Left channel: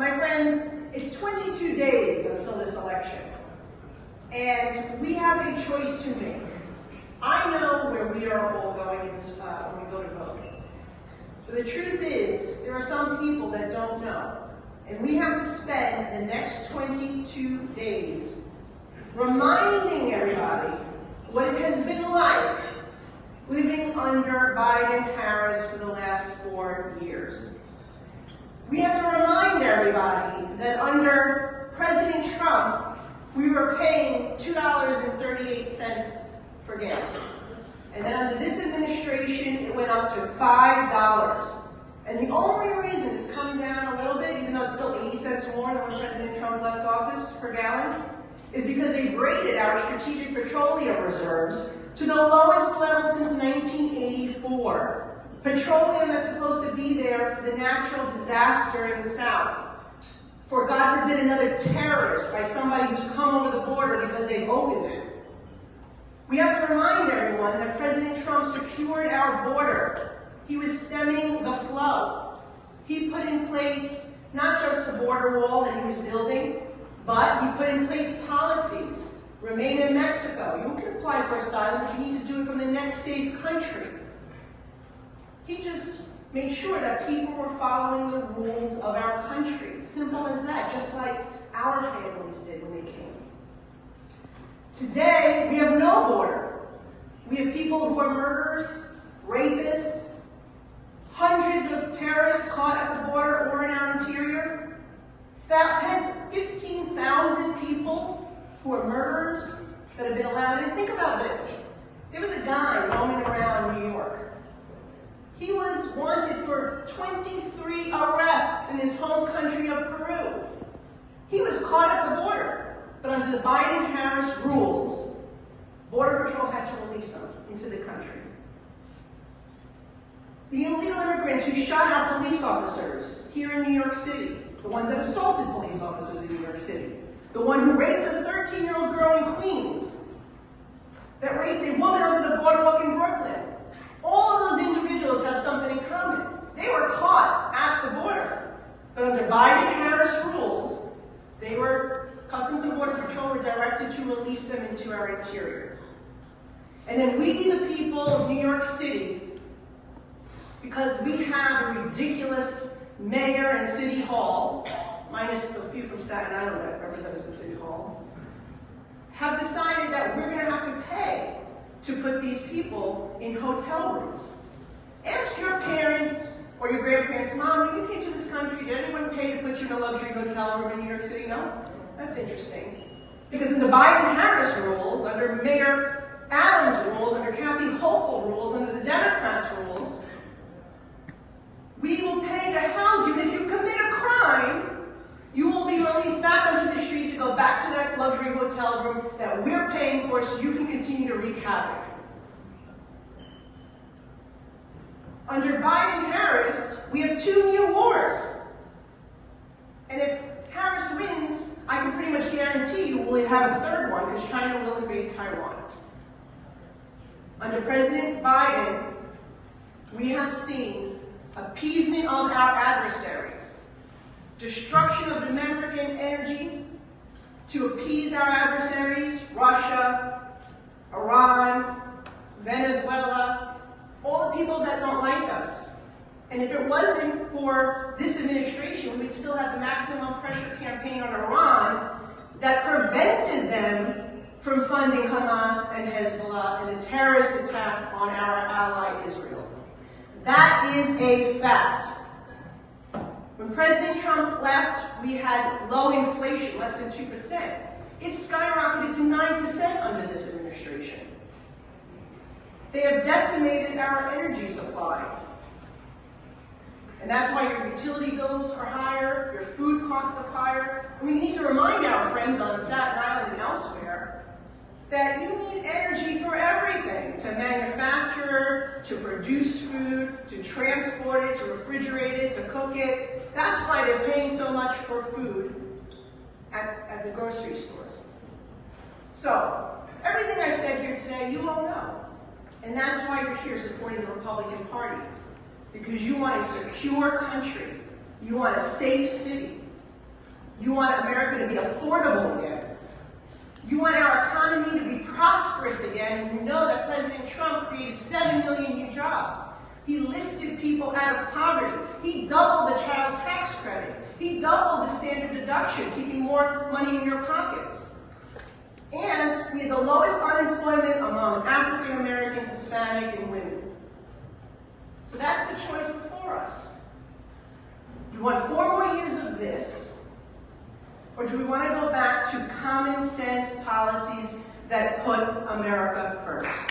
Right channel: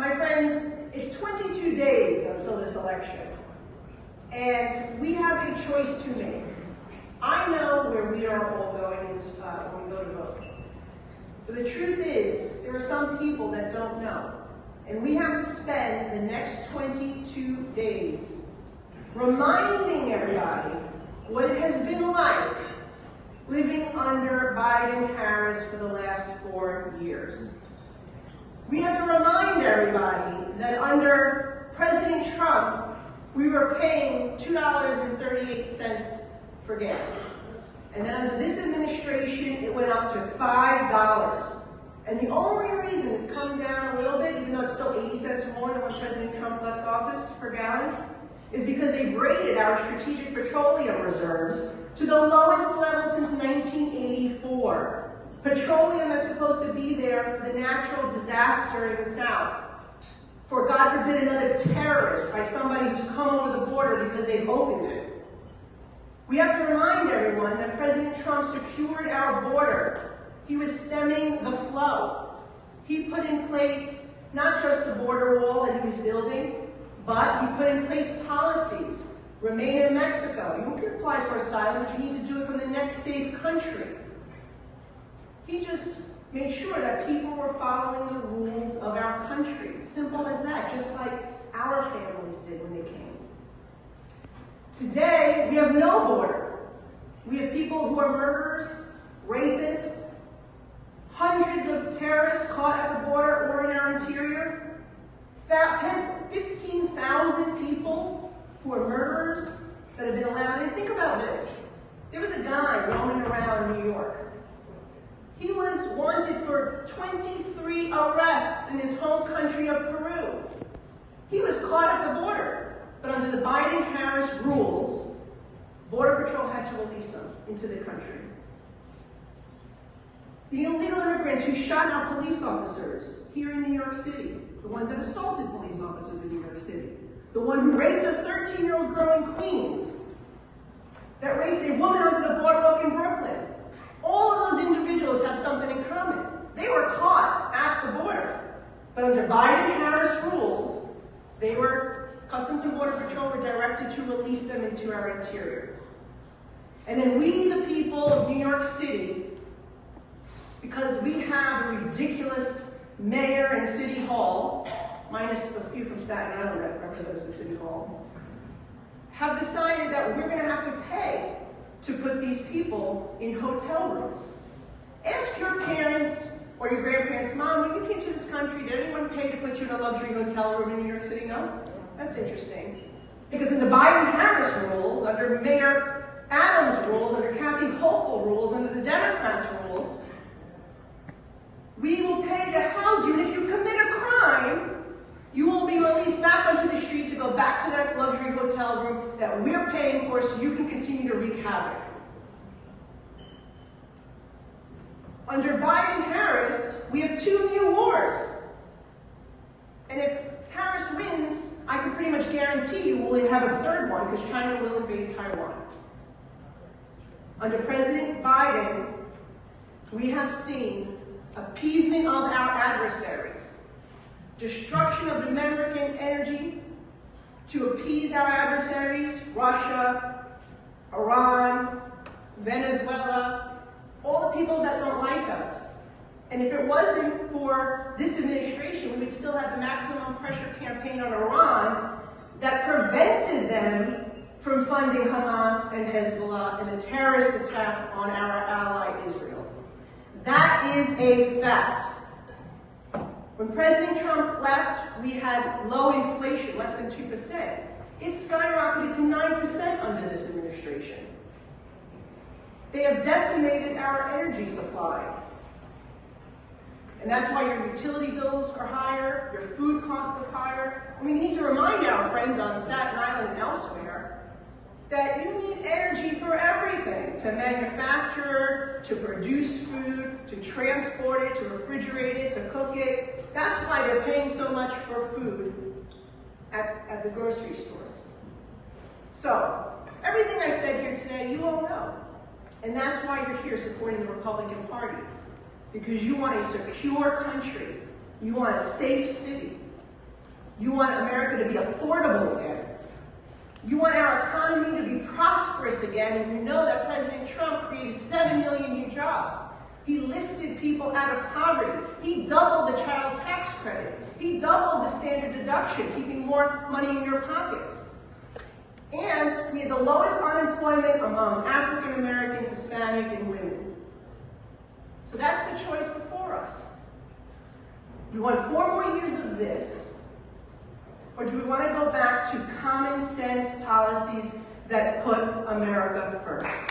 My friends, it's 22 days until this election, and we have a choice to make. I know where we are all going when we go to vote. But the truth is, there are some people that don't know, and we have to spend the next 22 days reminding everybody what it has been like living under Biden-Harris for the last 4 years. We have to remind everybody that under President Trump, we were paying $2.38 for gas. And then under this administration, it went up to $5. And the only reason it's come down a little bit, even though it's still 80 cents more than when President Trump left office per gallon, is because they've rated our strategic petroleum reserves to the lowest level since 1984. Petroleum that's supposed to be there for the natural disaster in the South. For, God forbid, another terrorist by somebody who's come over the border because they've opened it. We have to remind everyone that President Trump secured our border. He was stemming the flow. He put in place not just the border wall that he was building, but he put in place policies. Remain in Mexico. You can apply for asylum, but you need to do it from the next safe country. He just made sure that people were following the rules of our country. Simple as that, just like our families did when they came. Today, we have no border. We have people who are murderers, rapists, hundreds of terrorists caught at the border or in our interior, 15,000 people who are murderers that have been allowed in. Think about this. There was a guy roaming around New York. He was wanted for 23 arrests in his home country of Peru. He was caught at the border, but under the Biden-Harris rules, Border Patrol had to release him into the country. The illegal immigrants who shot our police officers here in New York City, the ones that assaulted police officers in New York City, the one who raped a 13-year-old girl in Queens, that raped a woman under the boardwalk in Brooklyn. All of those individuals have something in common. They were caught at the border. But under Biden-Harris rules, Customs and Border Patrol were directed to release them into our interior. And then we, the people of New York City, because we have a ridiculous mayor and city hall, minus the few from Staten Island that represent us in City Hall, have decided that we're going to have to pay to put these people in hotel rooms. Ask your parents or your grandparents, Mom, when you came to this country, did anyone pay to put you in a luxury hotel room in New York City? No? That's interesting. Because in the Biden-Harris rules, under Mayor Adams' rules, under Kathy Hochul rules, under the Democrats' rules, we will pay to house you, and if you commit a crime, you will be released back onto the street to go back to that luxury hotel room that we're paying for so you can continue to wreak havoc. Under Biden-Harris, we have 2 new wars. And if Harris wins, I can pretty much guarantee you we'll have a third one because China will invade Taiwan. Under President Biden, we have seen appeasement of our adversaries, destruction of American energy to appease our adversaries, Russia, Iran, Venezuela, all the people that don't like us. And if it wasn't for this administration, we would still have the maximum pressure campaign on Iran that prevented them from funding Hamas and Hezbollah in the terrorist attack on our ally Israel. That is a fact. When President Trump left, we had low inflation, less than 2%. It skyrocketed to 9% under this administration. They have decimated our energy supply. And that's why your utility bills are higher, your food costs are higher. And we need to remind our friends on Staten Island and elsewhere that you need energy for everything, to manufacture, to produce food, to transport it, to refrigerate it, to cook it. That's why they're paying so much for food at the grocery stores. So, everything I said here today, you all know. And that's why you're here supporting the Republican Party. Because you want a secure country. You want a safe city. You want America to be affordable again. You want our economy to be prosperous again, and you know that President Trump created 7 million new jobs. He lifted people out of poverty. He doubled the child tax credit. He doubled the standard deduction, keeping more money in your pockets. And we had the lowest unemployment among African Americans, Hispanic, and women. So that's the choice before us. Do we want 4 more years of this, or do we want to go back to common sense policies that put America first?